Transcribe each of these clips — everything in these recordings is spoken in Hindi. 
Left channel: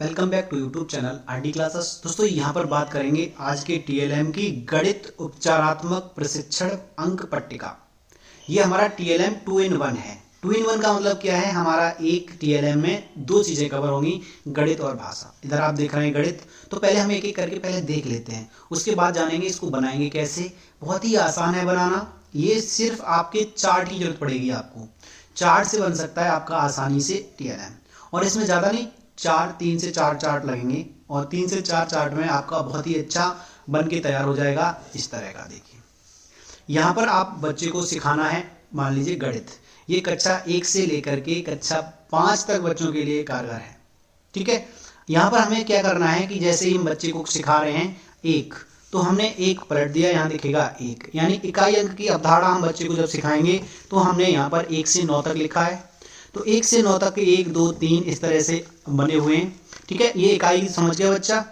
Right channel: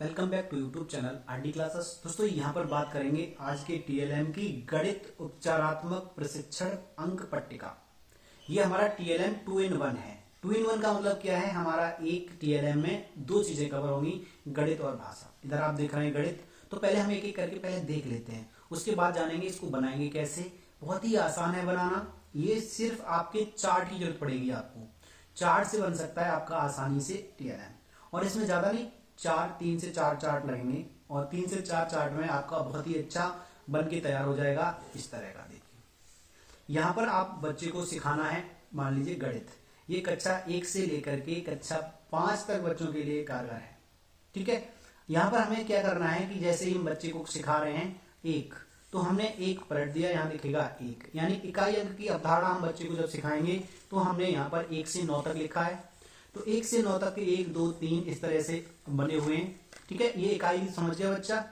Welcome back to YouTube channel RD classes. दोस्तों यहाँ पर बात करेंगे आज के टीएलएम की गणित उपचारात्मक प्रशिक्षण अंक पट्टिका। ये हमारा टीएलएम 2 in 1 है। 2 in 1 का मतलब क्या है? हमारा एक टीएलएम में दो चीज़ें कवर होंगी, गणित और भाषा। इधर आप देख रहे हैं गणित, तो पहले हम एक एक करके पहले देख लेते हैं, उसके बाद जानेंगे इसको बनाएंगे कैसे। बहुत ही आसान है बनाना, ये सिर्फ आपके चार्ट की जरूरत पड़ेगी। आपको चार्ट से बन सकता है आपका आसानी से टीएलएम, और इसमें ज़्यादा नहीं, 3 से 4 चार्ट लगेंगे और 3 से 4 चार्ट में आपका बहुत ही अच्छा बन के तैयार हो जाएगा। इस तरह का देखिए, यहाँ पर आप बच्चे को सिखाना है, मान लीजिए गणित, ये कक्षा 1 से लेकर के कक्षा 5 तक बच्चों के लिए कारगर है। ठीक है, यहाँ पर हमें क्या करना है कि जैसे ही हम बच्चे को सिखा रहे हैं एक, तो हमने एक पलट दिया, यहाँ दिखेगा एक, यानी इकाई अंक की अवधारणा हम बच्चे को जब सिखाएंगे तो हमने यहाँ पर 1 से 9 तक लिखा है। तो 1 से 9 तक 1 2 3 इस तरह से बने हुए हैं। ठीक है, ये इकाई समझ गया बच्चा।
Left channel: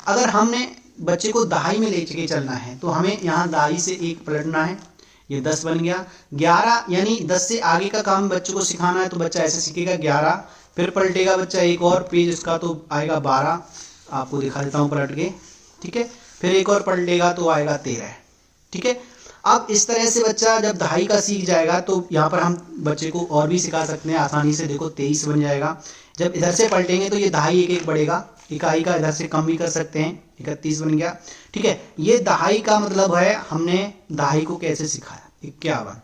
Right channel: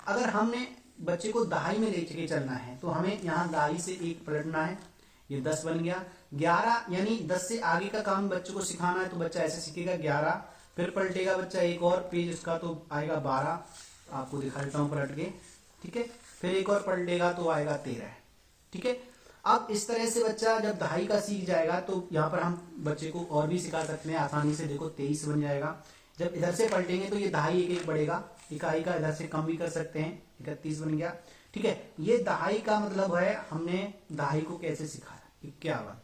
अगर हमने बच्चे को दहाई में लेके चलना है तो हमें यहाँ दहाई से 1 पलटना है, ये 10 बन गया। 11 यानी 10 से आगे का काम बच्चे को सिखाना है तो बच्चा ऐसे सीखेगा 11, फिर पलटेगा बच्चा एक और पेज उसका तो आएगा 12, आपको दिखा देता हूँ पलट के। ठीक है, फिर एक और पलटेगा तो आएगा 13। ठीक है, अब इस तरह से बच्चा जब दहाई का सीख जाएगा तो यहाँ पर हम बच्चे को और भी सिखा सकते हैं आसानी से। देखो 23 बन जाएगा। जब इधर से पलटेंगे तो ये दहाई एक एक बढ़ेगा, इकाई का इधर से कम भी कर सकते हैं, 31 बन गया। ठीक है, ये दहाई का मतलब है हमने दहाई को कैसे सिखाया, 51।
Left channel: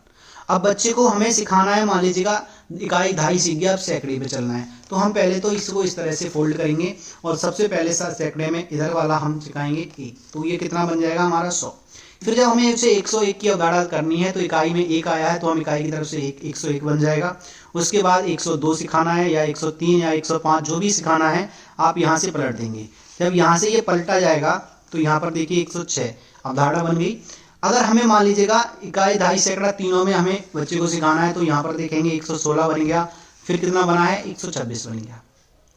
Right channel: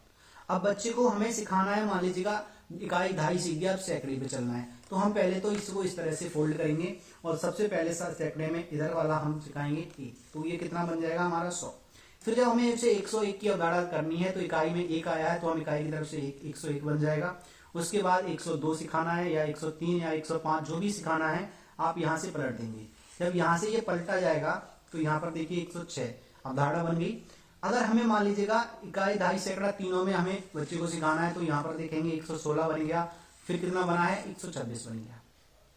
अब बच्चे को हमें सिखाना है, मान लीजिएगा इकाई दहाई सीख गया, अब सैकड़े पे चलना है, तो हम पहले तो इसको इस तरह से फोल्ड करेंगे और सबसे पहले सैकड़े में इधर वाला हम सिखाएंगे 1, तो ये कितना बन जाएगा हमारा 100। फिर जब हमें उसे 101 की अवधारणा करनी है तो इकाई में 1 आया है तो हम इकाई की तरफ से 101 बन जाएगा। उसके बाद 102 सिखाना है या 103 या 105 जो भी सिखाना है आप यहाँ से पलट देंगे। जब यहाँ से ये पलटा जाएगा तो यहाँ पर देखिए 106 अवधारणा बन गई। अगर हमें मान लीजिएगा इकाई दहाई सैकड़ा तीनों में हमें बच्चे को सिखाना है तो यहाँ पर देखेंगे 116 बन गया, फिर कितना बना है 126 बन गया।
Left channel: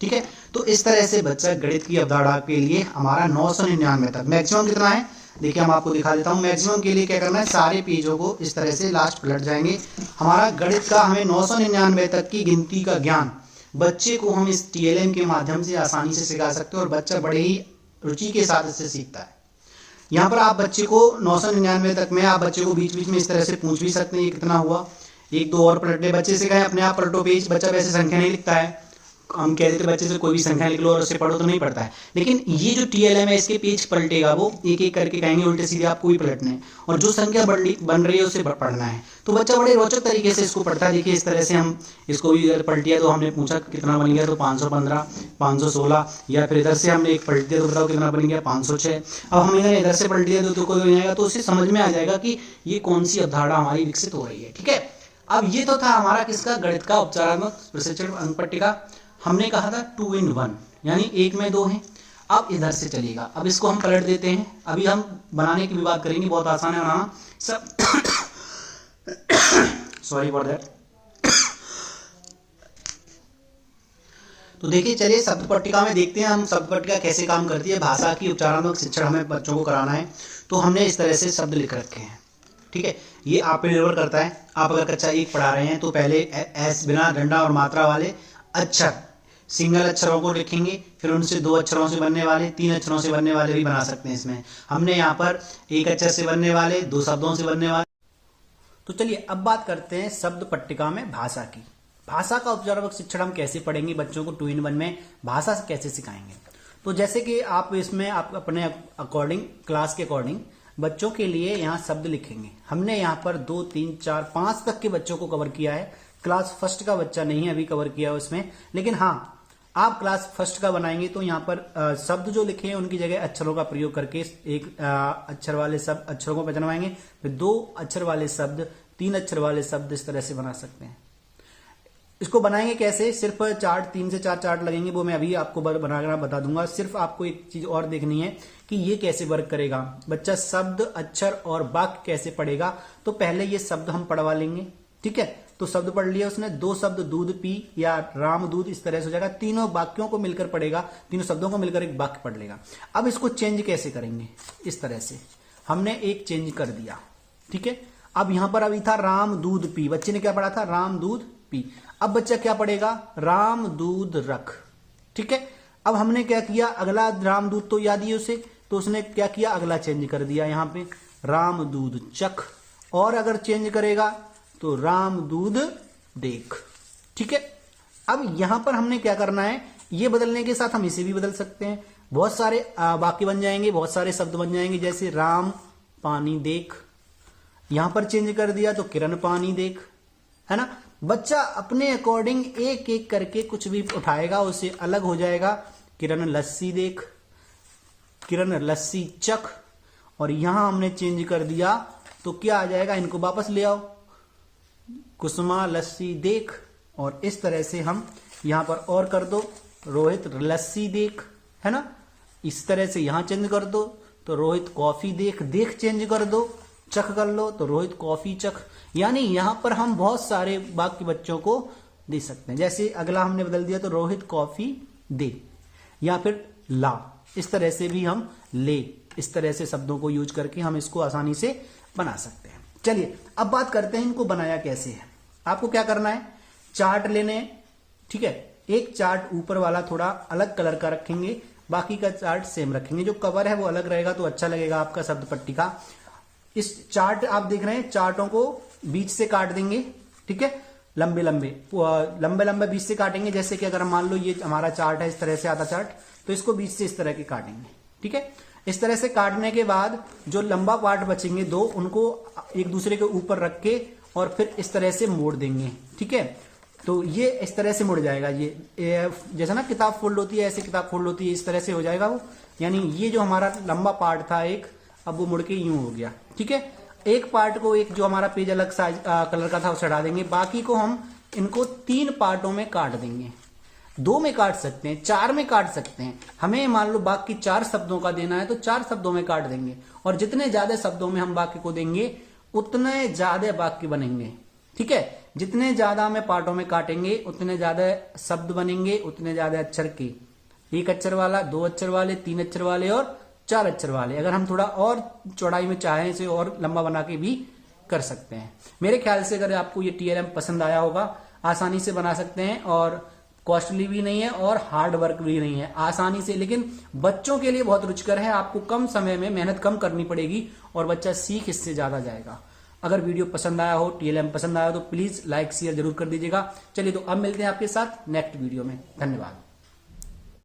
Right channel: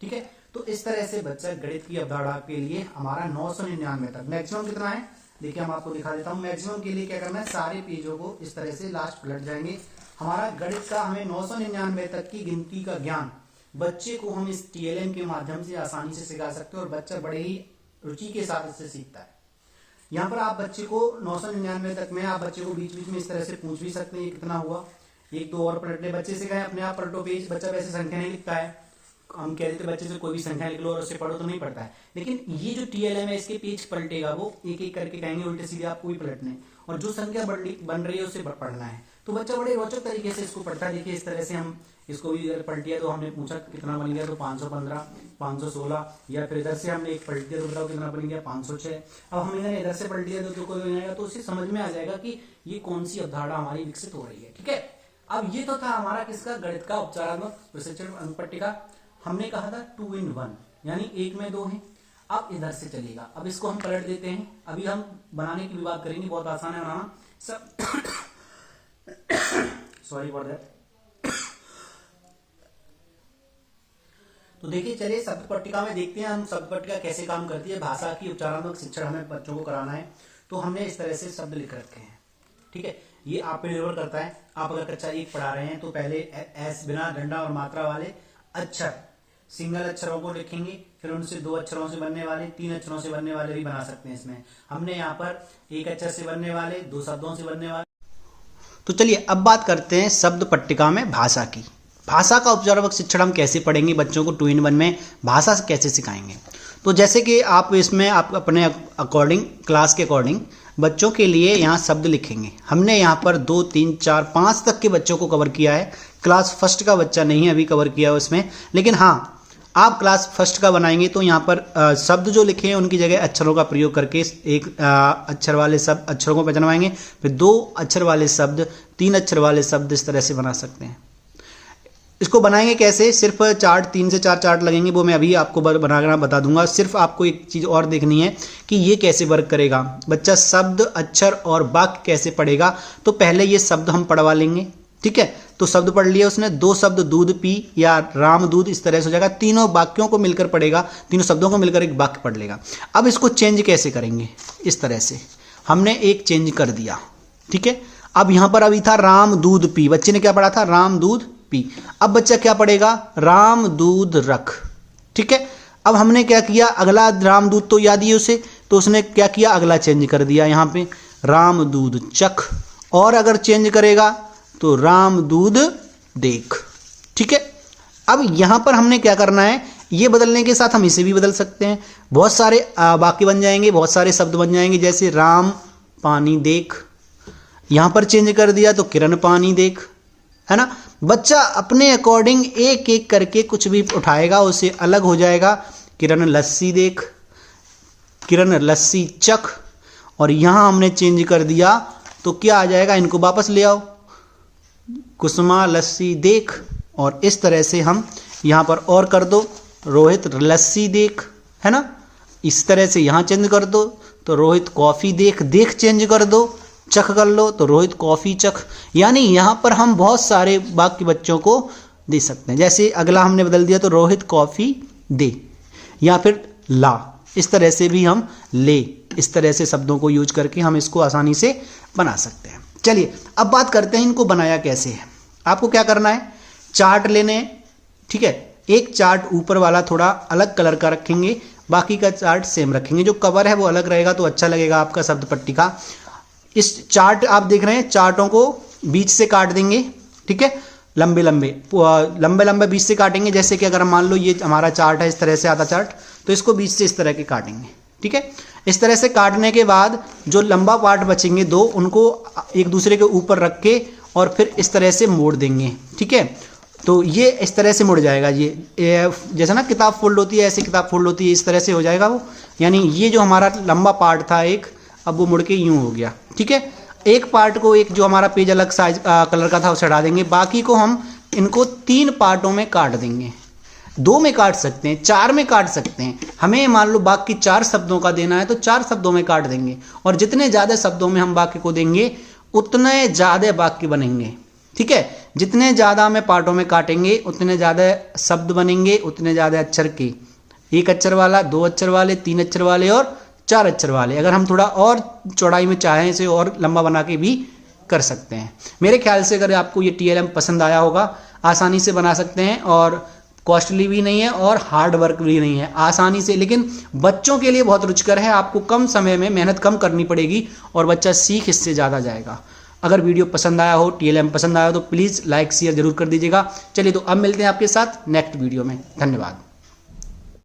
ठीक है, तो इस तरह से बच्चा गणित की अवधारणा के लिए हमारा 999 तक मैक्सिमम कितना है देखिए, हम आपको दिखा देता हूँ। मैक्सिमम के लिए क्या करना है, सारे पेजों को इस तरह से लास्ट पलट जाएंगे। हमारा गणित का हमें 999 तक की गिनती का ज्ञान बच्चे को हम इस टीएलएम के माध्यम से आसानी से सिखा सकते हैं और बच्चा बड़े ही रुचि के साथ इससे सीखता है। यहाँ पर आप बच्चे को 999 तक में आप बच्चे को बीच बीच में इस तरह से पूछ भी सकते हैं, ये कितना हुआ, 1 2 और पलटने बच्चे से कहें अपने आप पलटो पेज, बच्चा वैसे संख्या नहीं लिखता है, हम कह देते बच्चे से कोई भी संख्या लिख लो और उसे पढ़ो तो नहीं पढ़ता है। लेकिन ये जो टीएलएम है इसके पेज पलटेगा, वो एक एक करके कहेंगे उल्टे सीधे आपको ही पलटने हैं और जो संख्या बन रही है उसे पढ़ना है। तो बच्चा बड़े रोचक तरीके से इसको पढ़ता है। देखिए इस तरह से हम इसको भी इधर पलटिया तो हमने पूछा कितना बन गया, तो 515 516, या फिर इधर से हमने एक पलट दिया तो बताओ कितना बन गया 506। अब हम इधर से पलट दिया तो कोई हो जाएगा, तो उसे समझ में आ जाएगा कि ये कौन सी अवधारणा हमारी विकसित हो रही है। ठीक है, अब ये तो था हमारा किसका, गणित का उपचारात्मक प्रशिक्षण अंक पट्टिका। हमने कहा था 2 in 1 यानी 1 में 2 है। अब इधर से चलेगा, अब इसको हम पलट देते हैं। अभी हम बनाने की भी बात करेंगे, बहुत आसान है बनाना सब। Sorry for that. तो देखिए चलिए शब्द पट्टिका में देखते हैं हम शब्द पट्टिका कैसे काम करती है। भाषा की उपचारात्मक शिक्षण हमें बच्चों को कराना है तो हमने इस तरह से शब्द लिख रखे हैं। ठीक है, ये आप पे निर्भर करता है। आप अगर कक्षा 1 पढ़ा रहे हैं तो पहले एस बिना गंडा और मात्रा वाले अक्षर, सिंगल अक्षरों को लिखेंगे, फिर उनसे 2 अक्षरों से बनने वाले, 3 अक्षरों से बनने वाले भी बना सकते हैं। इसमें हमने यहाँ पर 1 अक्षर से बनने वाले, 2 शब्दों से बनने वाले। तो चलिए अब बात करते हैं शब्द पट्टिका में भाषा की। भाषा का उपचारात्मक शिक्षण हम कैसे पढ़ेंगे, बच्चों को 2 in 1 में भाषा से कैसे सिखाएंगे। तो जैसे कि आप इसमें आप अपने अकॉर्डिंग, क्लास के अकॉर्डिंग बच्चों के लिए यहाँ शब्द लिखेंगे। हमने यहाँ पर 2 3 4 5 तक के बच्चों को कवर किया है। क्लास फर्स्ट का बच्चा नहीं अभी कवर किया उसमें, लेकिन हाँ आप क्लास फर्स्ट का बनाएंगे तो यहाँ पर शब्द जो लिखे हैं उनकी जगह अक्षरों का प्रयोग करके एक अक्षर वाले शब्द अक्षरों को पहचानवाएंगे, फिर 2 अक्षर वाले शब्द, 3 अक्षर वाले शब्द, इस तरह से बना सकते हैं। इसको बनाएंगे कैसे, सिर्फ चार्ट 3 से 4 चार्ट लगेंगे, वो मैं अभी आपको बनाना बता दूंगा। सिर्फ आपको एक चीज़ और देखनी है कि ये कैसे वर्क करेगा, बच्चा शब्द, अक्षर और वाक्य कैसे पढ़ेगा। तो पहले ये शब्द हम पढ़वा लेंगे। ठीक है, तो शब्द पढ़ लिया उसने, 2 शब्द दूध पी या राम दूध, इस तरह से हो जाएगा। तीनों वाक्यों को मिलकर पढ़ेगा, तीनों शब्दों को मिलकर एक वाक्य पढ़ लेगा। अब इसको चेंज कैसे करेंगे, इस तरह से हमने एक चेंज कर दिया। ठीक है, अब यहाँ पर अभी था राम दूध पी, बच्चे ने क्या पढ़ा था, राम दूध पी। अब बच्चा क्या पढ़ेगा, राम दूध रख। ठीक है, अब हमने क्या किया, अगला रामदूत तो याद ही है उसे, तो उसने क्या किया, अगला चेंज कर दिया यहाँ पे रामदूत चख, और अगर चेंज करेगा तो रामदूत देख। ठीक है, अब यहाँ पर हमने क्या करना है, ये बदलने के साथ हम इसे भी बदल सकते हैं, बहुत सारे वाक्य बन जाएंगे, बहुत सारे शब्द बन जाएंगे। जैसे राम पानी देख, यहाँ पर चेंज कर दिया तो किरण पानी देख, है ना। बच्चा अपने अकॉर्डिंग एक एक करके कुछ भी उठाएगा उससे अलग हो जाएगा। किरण लस्सी देख, किरण लस्सी चख, और यहाँ हमने चेंज कर दिया तो क्या आ जाएगा, इनको वापस ले आओ, कुसुमा लस्सी देख, और इस तरह से हम यहाँ पर और कर दो, रोहित लस्सी देख, है ना। इस तरह से यहाँ चेंज कर दो तो रोहित कॉफ़ी देख, देख चेंज कर दो, चख कर लो तो रोहित कॉफ़ी चख। यानी यहाँ पर हम बहुत सारे वाक्य बच्चों को दे सकते हैं। जैसे अगला हमने बदल दिया तो रोहित कॉफ़ी दे, या फिर ला, इस तरह से भी हम ले, इस तरह से शब्दों को यूज करके हम इसको आसानी से बना सकते हैं। चलिए अब बात करते हैं इनको बनाया कैसे है। आपको क्या करना है, चार्ट लेने हैं, ठीक है। एक चार्ट ऊपर वाला थोड़ा अलग कलर का रखेंगे, बाकी का चार्ट सेम रखेंगे, जो कवर है वो अलग रहेगा तो अच्छा लगेगा आपका शब्द पट्टी का। इस चार्ट आप देख रहे हैं, चार्टों को बीच से काट देंगे, ठीक है, लंबे लंबे बीच से काटेंगे। जैसे कि अगर मान लो ये हमारा चार्ट है, इस तरह से आता चार्ट, तो इसको बीच से इस तरह के काटेंगे, ठीक है। इस तरह से काटने के बाद जो लंबा पार्ट बचेंगे दो, उनको एक दूसरे के ऊपर रख के और फिर इस तरह से मोड़ देंगे, ठीक है। तो ये इस तरह से मुड़ जाएगा, ये जैसे ना किताब फोल्ड होती है, ऐसे किताब फोल्ड होती है, इस तरह से हो जाएगा वो। यानी ये जो हमारा लंबा पार्ट था एक, अब वो मुड़ के यूँ हो गया, ठीक है। एक पार्ट को, एक जो हमारा पेज अलग साइज कलर का था उसे हटा देंगे, बाकी को हम इनको 3 पार्टों में काट देंगे। 2 में काट सकते हैं, 4 में काट सकते हैं। हमें मान लो बाकी 4 शब्दों का देना है तो 4 शब्दों में काट देंगे, और जितने ज़्यादा शब्दों में हम वाक्य को देंगे उतने ज़्यादा वाक्य बनेंगे, ठीक है। जितने ज़्यादा हमें पार्टों में काटेंगे उतने ज़्यादा शब्द बनेंगे, उतने ज़्यादा अक्षर के, 1 अक्षर वाला, 2 अक्षर वाले, 3 अक्षर वाले और 4 अक्षर वाले। अगर हम थोड़ा और चौड़ाई में चाहें इसे और लंबा बना के भी कर सकते हैं। मेरे ख्याल से अगर आपको ये TLM पसंद आया होगा, आसानी से बना सकते हैं, और कॉस्टली भी नहीं है और हार्ड वर्क भी नहीं है, आसानी से। लेकिन बच्चों के लिए बहुत रुचिकर है, आपको कम समय में मेहनत कम करनी पड़ेगी और बच्चा सीख इससे ज़्यादा जाएगा। अगर वीडियो पसंद आया हो, TLM पसंद आया हो तो प्लीज़ लाइक शेयर जरूर कर दीजिएगा। चलिए तो अब मिलते हैं आपके साथ नेक्स्ट वीडियो में। धन्यवाद।